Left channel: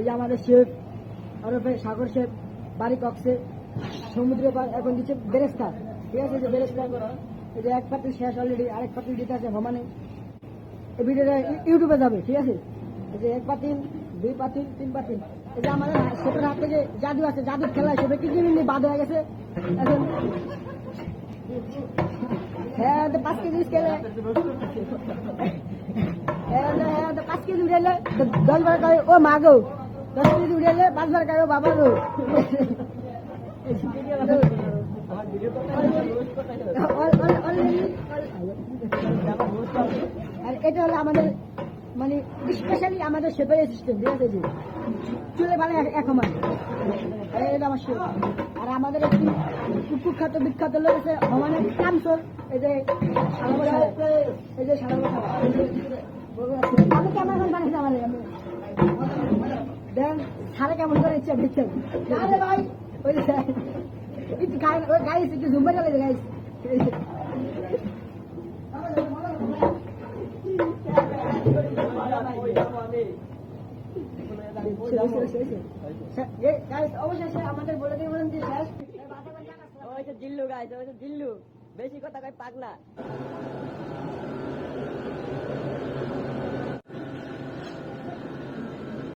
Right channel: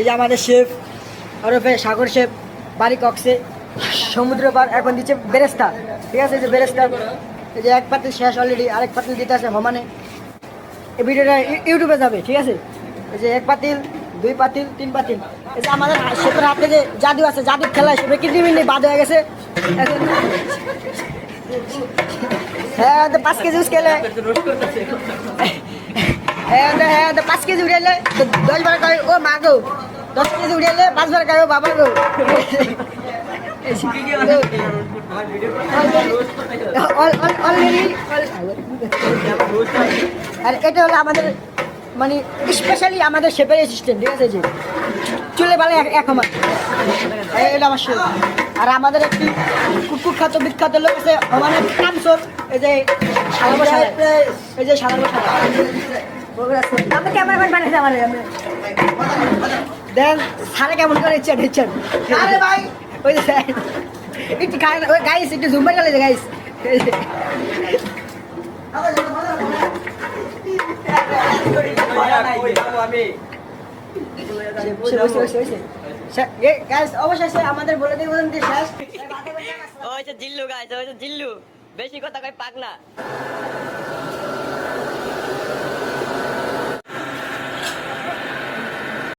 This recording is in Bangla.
এই যে আমাদের শেফ ওরফে সাগর শেফ বাড়ি কক্সে সমুদ্র পার এখন দিচ্ছে বেরেস্তা, ঠিক আছে? এই যে বেরেস্তা, এই যে এক পাতিল শেষ অলরেডি, আরেক পাতিল দিতে আছে হমানে। এই ভিডিওটা ইউটিউবে যাবে, ঠিক আছে? এই যে এক পাতিল, দুই পাতিল, তিন পাতিল। এই যে আমাদের শেফের হাতে যে জাদু আছে, জাদুর খেলা শেফে কিডনি বাদ হয়ে গেছে এখন। হ্যাঁ 5 কেজি খেলে, হ্যাঁ 5 কেজি উড়াইলে 10 বার কয় ও মা গো, 10 কেজি উড়াইলে 5 বার কয় ও বাবা গো। আর এটা হলো আমাদের মানে স্পেশালি আমাদের শেফের অ্যাসিস্ট্যান্ট, ঠিক আছে? যে চুলে পালে এক সমান, এটা আমার শেফ। আর আমাদের একটি কুখ্যাত বিখ্যাত লোক আছে হমানের কামসর, এই যে সালাম, এই যে সালাম আপনি ক্যামেরাম্যান বানিয়েছে আমার দেন সারে কেমন করে ইচ্ছা দিচ্ছেন ভাই? ওই যে একটু ওই গাইস একটু জুম্বার গেলে যে গাইস অবশ্যই আমাদের বলে দিয়ে বলেন যে শেষ জিল্লু গাইস, জিল্লু বেশি কথা কয় পাগলা।